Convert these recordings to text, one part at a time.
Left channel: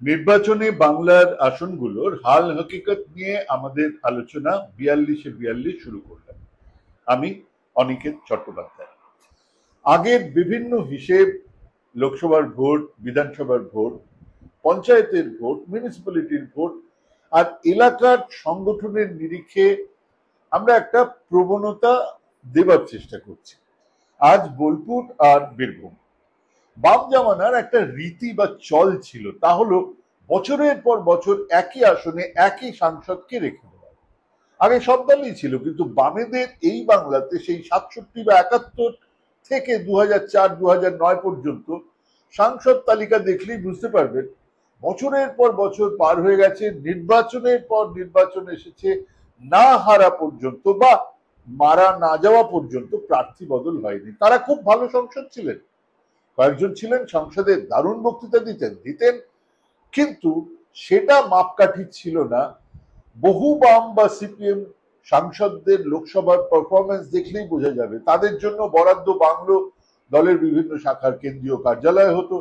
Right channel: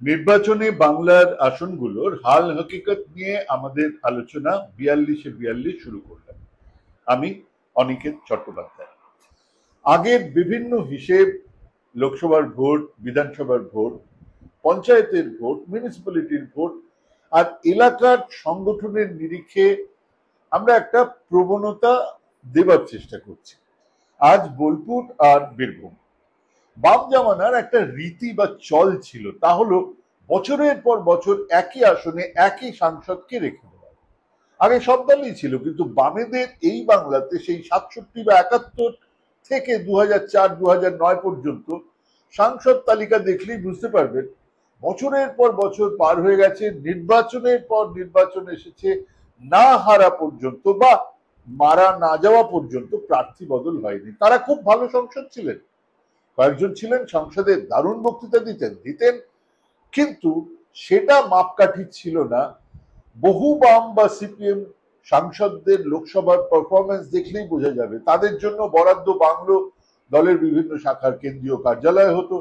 নির্বাচনে বাংলার আসনগুলোর হাল হকিকত নিয়ে আমাদের আলোচনা 42 শুরু করলাম। আমি অনিকেত চট্টোপাধ্যায়। আগের বিভিন্ন হিসেব, লোকসভার ভোট, বিধানসভার ভোট, পঞ্চায়েতের ভোট, মিউনিসিপ্যালিটির ভোট আর এলাকার সংগঠনের নিরিখে আমরা একটা প্রবণতা দেবার চেষ্টা করছি। আজ বোলপুর আর বীরভূম। বাম জামানার একটা রীতি বা চল ছিল, তা হলো বছরের পর বছর একই আসনে একই সাংসদকে রেখে দেওয়া। আগে সব দলই ছিল, কিন্তু বামেদের এই বাংলাতে সেই 67 বা 71 থেকে 2004-2009 পর্যন্ত সাংসদ তালিকা দেখলেই বুঝতে পারবেন বছরের পর বছর পার হয়ে গেছে, নির্বাচনের পর নির্বাচন এসেছে, না হারা পর্যন্ত বা মারা না যাওয়া পর্যন্ত প্রার্থী বদল হয়নি। তারা খুব ভালো সংসদ ছিলেন, কয়েকজন ছিলেন সংসদে দারুণ বক্তৃতা দিতেন, কিন্তু সেটা মাপকাঠি ছিল না। বহু বাম বা সিপিএম সাংসদদের লোকসভার পারফরমেন্স দেখলেই বোঝা যাবে তাদের জন্য বরাদ্দ বাংলো দলের বিভিন্ন শাখার কেন্দ্রীয় কার্যালয় হতো,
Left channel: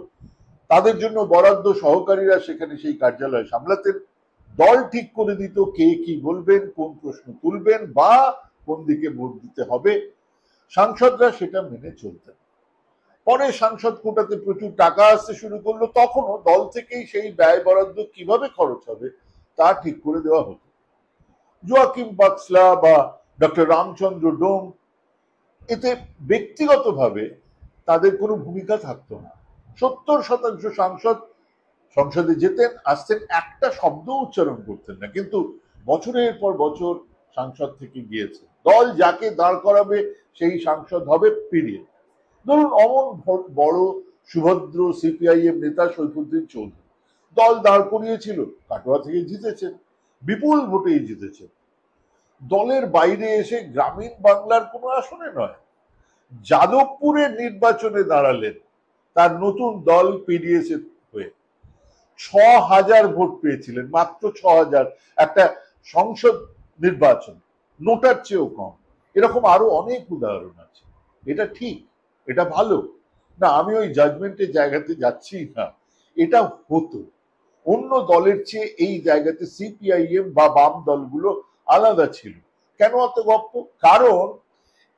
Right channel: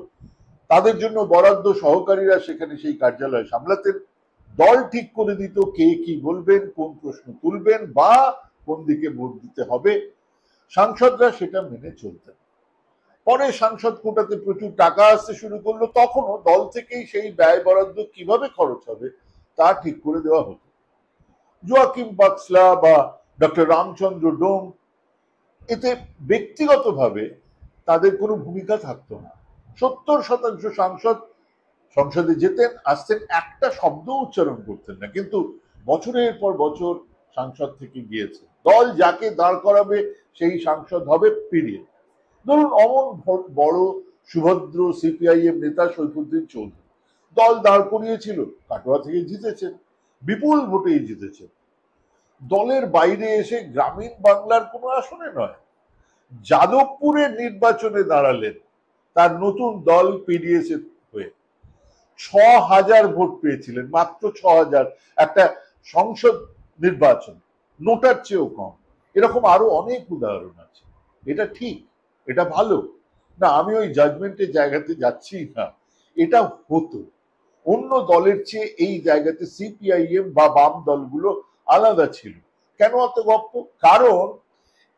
তাদের জন্য বরাদ্দ সহকারীরা সেখানে সেই কার্যালয় সামলাতেন। দল ঠিক করে দিত কে কি বলবেন, কোন প্রশ্ন তুলবেন বা কোন দিকে ভোট দিতে হবে, সাংসদরা সেটা মেনে চলতেন। পরে সাংসদ কোটাতে প্রচুর টাকা আসতে শুরু করলো, তখনও দল থেকেই সেই ব্যয় বরাদ্দ কিভাবে খরচ হবে তা ঠিক করে দেওয়া হতো। জোয়াকিম বাক্সলা বা ডক্টর রামচন্দ্র ডোম, এতে ব্যক্তিগতভাবে তাদের কোনো ভূমিকা থাকতো না। 70% সাংসদ সংসদে যেতেন, আসতেন, একটা শব্দ উচ্চারণ করতেন না, কিন্তু বছরের পর বছর সাংসদ থেকে গিয়েছে। দল যাকে দাঁড় করাবে সেই সাংসদ হবে, পিরিয়ড। ধরুন অমন বড় সুভদ্র সিপিআইএম নেতা সৈফুদ্দিন চৌধুরী, দল দাঁড় করিয়েছিল, কাটোয়া থেকে জিতেছেন, বিপুল ভোটেই জিতেছেন। দলের বাইরে এসে গ্রামীণ বাংলার কোনো আসনে নয়, যাদবপুরের নির্বাচনে দাঁড়ালেন তার নতুন দল পিডিএস হয়ে। 6000 ভোট পেয়েছিলেন, মাত্র 6000, একটা সংসদ নির্বাচন, নোটার চেয়েও কম। এরকম আরো অনেক উদাহরণ আছে। এটা ঠিক, এটা ভালো না, আমি ওই জাজমেন্টের জায়গাতে যাচ্ছি না, এটা হতো। অন্য দলের চেয়ে এই জায়গাতে সিপিআইএম বা বাম দলগুলো আলাদা ছিল। কেন অত গপ্প? কারণ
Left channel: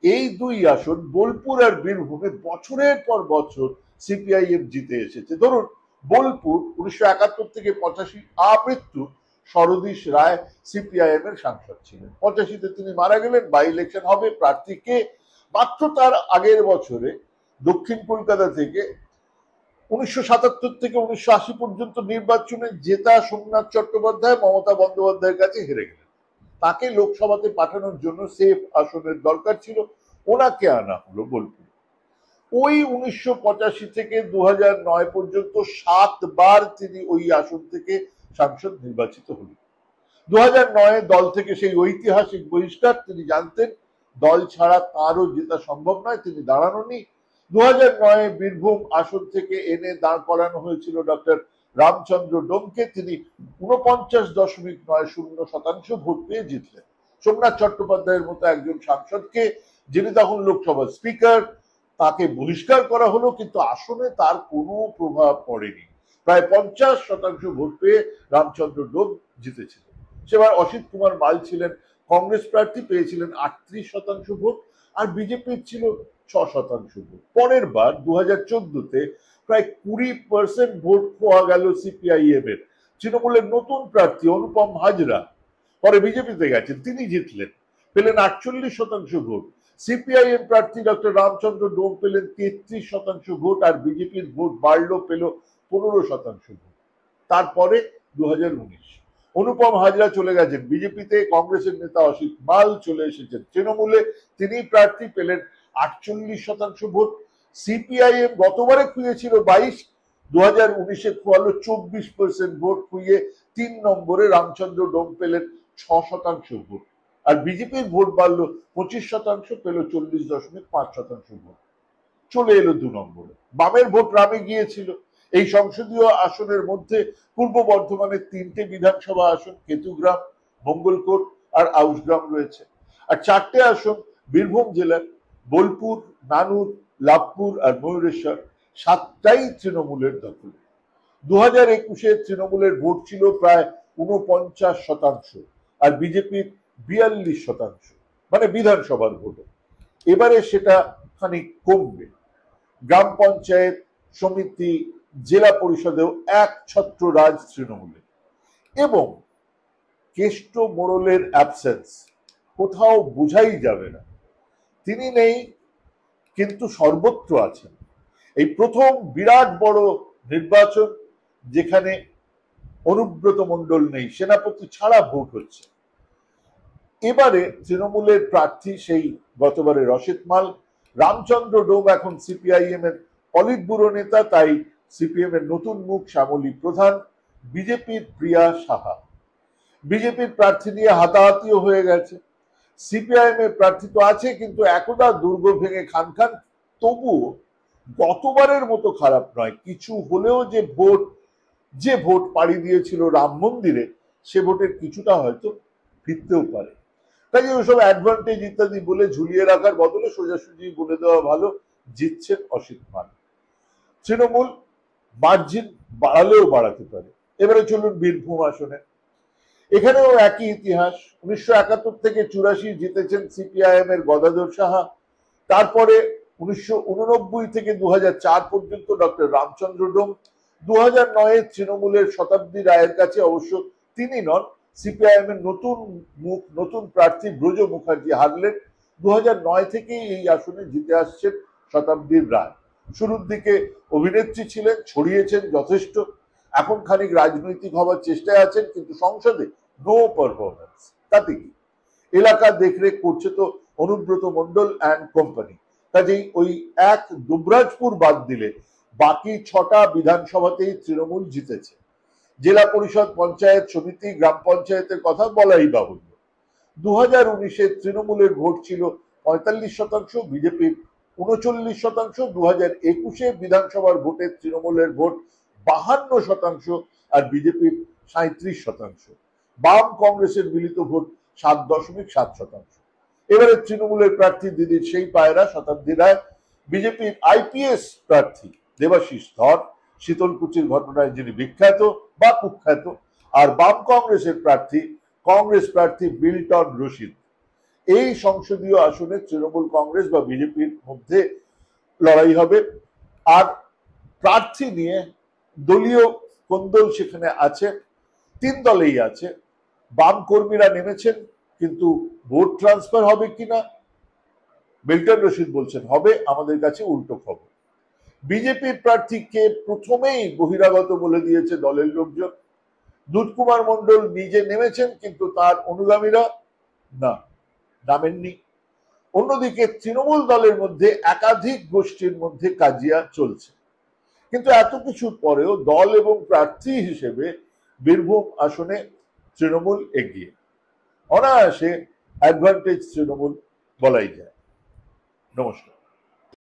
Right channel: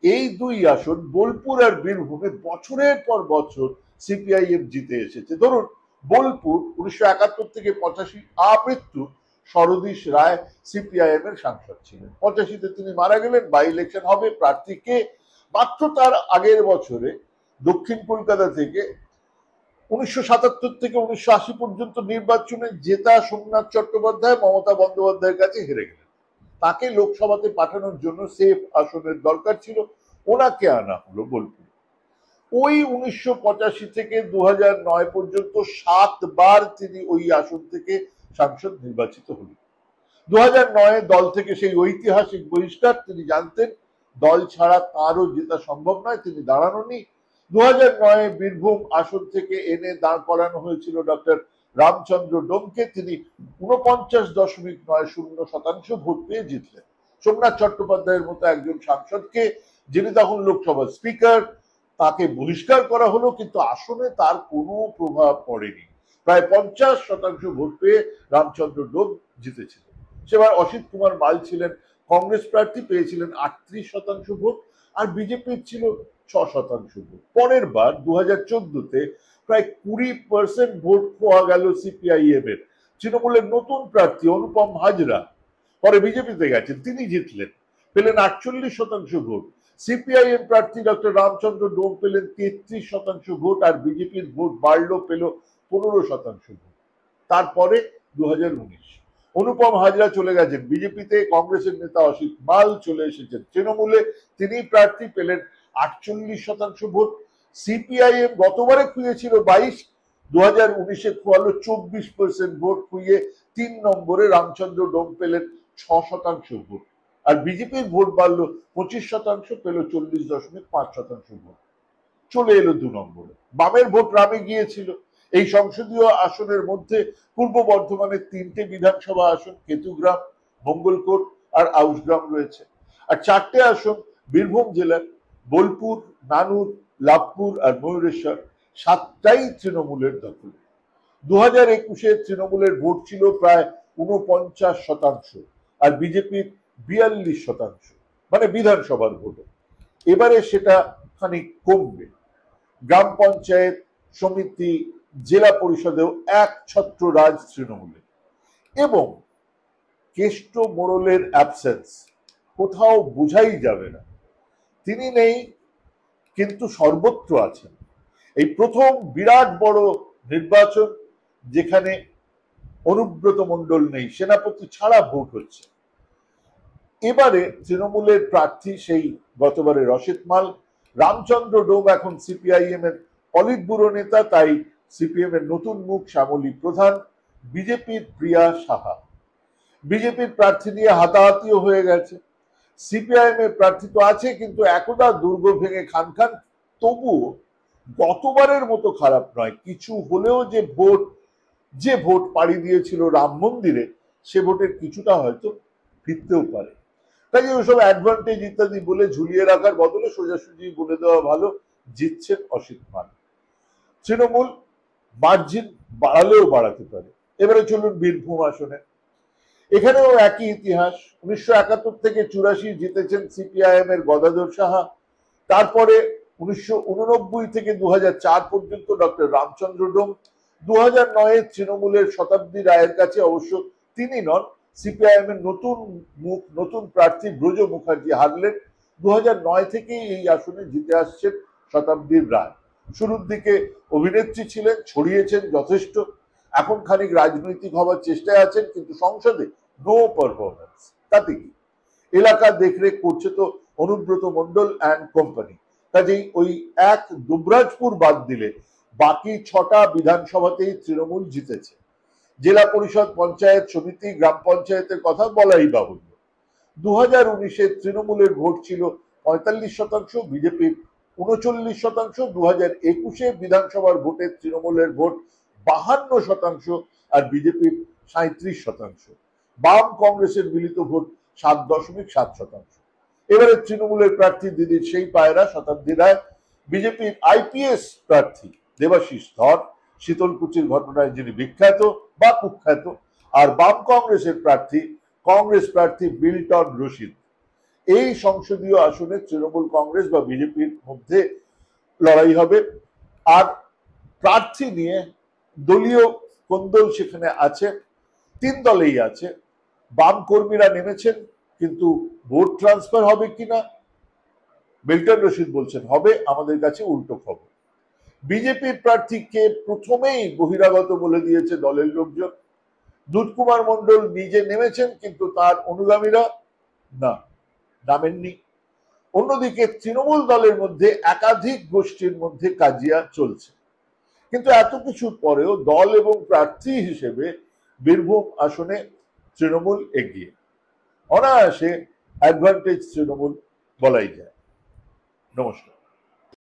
এই দুই আসন বোলপুর আর বীরভূমে বছরের পর বছর সিপিআইএম জিতে এসেছে। ধরুন বোলপুর 1971 থেকে 85 আমৃত্যু শরদীশ রায় সিপিআইএম এর সাংসদ ছিলেন। 85-তে তিনি মারা গেলেন, বাই ইলেকশন হবে, প্রার্থীকে মাত্র তার আগের বছরে দক্ষিণ কলকাতা থেকে 1977 থেকে 1980 পর্যন্ত নির্বাচনে জেতা সোমনাথ চট্টোপাধ্যায় মমতা বন্দ্যোপাধ্যায়ের কাছে হেরে গেলেন। তাকে লোকসভাতে পাঠানোর জন্য সেফ আসনের দরকার ছিল, ওনাকে আনা হলো বোলপুর। ওই 1985 থেকে 2009 পর্যন্ত 7 বার তিনি ওই আসন থেকে সাংসদ নির্বাচিত হলেন। 2009 দল থেকে সেই ঐতিহাসিক বহিষ্কার, তিনি জানতেন দল ছাড়া তারও জেতা সম্ভব নয়, তিনি দাঁড়াননি। 2009 বীরভূম আসন থেকে এনে দাঁড় করানো হয়েছিল ডক্টর রামচন্দ্র ডোমকে, তিনি 49.90% ভোট পেয়ে জিতলেন। সোমনাথ চট্টোপাধ্যায়ের মতো একজন সাংসদকে, যিনি তখন লোকসভার স্পিকার, তাকে বহিষ্কার করা হলো, কিন্তু আসনে তার কোনো প্রভাব পড়েনি। প্রায় 50% ভোট পেয়ে রামচন্দ্র ডোম জিতেছিলেন। সেবার অসিত কুমার মাল ছিলেন কংগ্রেস প্রার্থী, পেয়েছিলেন 38% ভোট, আর বিজেপির ছিল 6% ভোট। পরের বার 2014-তে প্রায় 20% ভোট পাওয়া গেল সিপিআইএম এর। তৃণমূলের নতুন প্রার্থী অনুপম হাজরা পরে বিজেপিতে গেছেন, তিনি জিতলেন, পেলেন 48% ভোট। সিপিআইএম প্রার্থী ডক্টর রামচন্দ্র ডোম পেলেন 33% ভোট, আর বিজেপির ভোট বাড়লো, পেল 15% ভোট। তারপরে 2019 অনুপম হাজরা চলে গেছেন বিজেপিতে, কংগ্রেসের নেতা অসিত মাল চলে এসেছেন তৃণমূলে, তিনি প্রার্থী, পেলেন 48% ভোট। সিপিআইএম গতবারে খুঁজেছিল 22, 2019-এ খোয়ালো 24% ভোট, খুঁয়ে 3 নম্বরে রামচন্দ্র ডোম পেলেন 6% ভোট, আর বিজেপির ভোট বাড়লো 25%, পেল 40.5% ভোট, চলে এলো 2 নম্বরে। বামের ভোট রামে গিয়েছিল। এই সংসদীয় আসনের মধ্যে পূর্ব বর্ধমানের 3টে বিধানসভা আসন, কেতুগ্রাম, মঙ্গলকোট আর আউসগ্রাম রয়েছে, আর 4টে আসন বীরভূম জেলার, বোলপুর, নানুর, লাভপুর আর ময়ূরেশ্বর, 7টাই তৃণমূলের দখলে। 2021-এ তৃণমূলের ভোট ছিল প্রায় 49%, আর বিজেপির 42%, মানে বিধানসভার ভোট। এবারে সেটা খানিক কমবে। গ্রাম পঞ্চায়েত, সমিতি, জেলা পরিষদেও এক ছত্র রাজ তৃণমূলের, এবং কেষ্ট মোড়লের অ্যাবসেন্স কোথাও বোঝাই যাবে না। তিনি নেই, কিন্তু সর্বত্র আছেন। এই প্রথম বিরাট বড় নির্বাচন যেখানে অনুব্রত মণ্ডল নেই, সেনাপতি ছাড়া ভোট হচ্ছে। এবারে তৃণমূলের প্রার্থী সেই গতবারে রশিদ মাল। রামচন্দ্র ডোম এখন সিপিআইএম এর পলিট ব্যুরো নেতা, তাই সিপিএম এর নতুন মুখ শ্যামলী প্রধান। বিজেপির প্রিয়া সাহা। বিজেপির প্রার্থী নিয়ে হাতাহাতিও হয়ে গেছে। সিপিআইএম এর প্রার্থী তো আছে, কিন্তু একদা দুর্গ ভেঙে খান খান। তবুও গতবারের মতো খারাপ নয়। কিছু হলেও যে ভোট পাড়ি দিয়েছিল রাম মন্দিরে, সে ভোটের কিছুটা হয়তো ফিরতেও পারে। তাই ওইসব অ্যাডভান্টেজ ইত্যাদি বলে ঝুলিয়ে রাখার বদলে সোজাসুজি বলে দেওয়া ভালো, জিতছেন অসিত মান। তৃণমূল মার্জিন বাড়ালেও বাড়াতে পারে। এবারে চলুন বীরভূম আসনে। এখানেও একই ইতিহাস। 1971 থেকে 84 জিতেছেন সিপিআইএম এর গদাধর সাহা। তারপরে 1989 থেকে 2004 পর্যন্ত ডক্টর রামচন্দ্র ডোম। 2009-এ তৃণমূলের শতাব্দী রায়ের কাছে অবশ্য তিনি নন, সিপিআইএম এর নতুন প্রার্থী ব্রজ মুখার্জি হারলেন। 2009 থেকেই এই আসনে জিতে আসছেন শতাব্দীর রায়। শুরুর দিকে অভিনেত্রী ছিলেন, ছড়িয়েছেন যথেষ্ট। এখন খানিক রাজনৈতিক হওয়ার চেষ্টায় আছেন, কিন্তু সংসদে নো পারফরমেন্স। তাতে কি, এলাকা দেখরেখ করছে তো অনুব্রত মণ্ডল অ্যান্ড কোম্পানি। কাজেই ওই এক দুবরাজপুর বাদ দিলে বাকি 6টা বিধানসভাতেই তৃণমূল জিতেছে। জেলা পরিষদ, পঞ্চায়েত সমিতি, গ্রাম পঞ্চায়েতের কথা বলাই বাহুল্য। 2019-এ তৃণমূলের ভোট ছিল 45%, বিজেপির 39%। 2021-এ বিধানসভার ভোটে তৃণমূলের ভোট 52% আর বিজেপির 37%। বাম কংগ্রেসের মিলিত ভোট 7.7%। এবারে তৃণমূলের প্রার্থী দিদির সেই পায়রা শতাব্দী রায়। বিজেপির আইপিএস প্রার্থী দেবাশিস ধর, শীতলকুচির ঘটনায় যিনি বিখ্যাত বা কুখ্যাত। আর বাম কংগ্রেস প্রার্থী বিল্টন রশিদ। এই সংসদীয় আসনে তৃণমূল কংগ্রেস বা বিজেপির মধ্যে লড়াই হবে। আর প্রার্থী নিয়ে দলীয় কোন্দল সেখানে আছে। 3 দলেই আছে। বাম কর্মীরা নেমেছেন, কিন্তু ভোট ট্রান্সফার হবে কিনা বিল্টন রশিদ বলছেন হবে। আমাদের কাছে উল্টো খবর। বিজেপির প্রার্থীকে প্রথমেই বহিরাগত বলে দিয়েছে দলের লোকজন। দুধ কুমার মণ্ডল নিজে নেমেছেন, কিন্তু তার অনুগামীরা নামেননি। অন্যদিকে তৃণমূল দলের মধ্যে একাধিক গোষ্ঠীর মধ্যে কাজিয়া চলছে। কিন্তু এত কিছুর পরেও দল এবং প্রার্থী হিসেবে বীরভূম আসনে তৃণমূল এগিয়ে। অনায়াসে অ্যাডভান্টেজ তৃণমূল বলাই যায়। নমস্কার।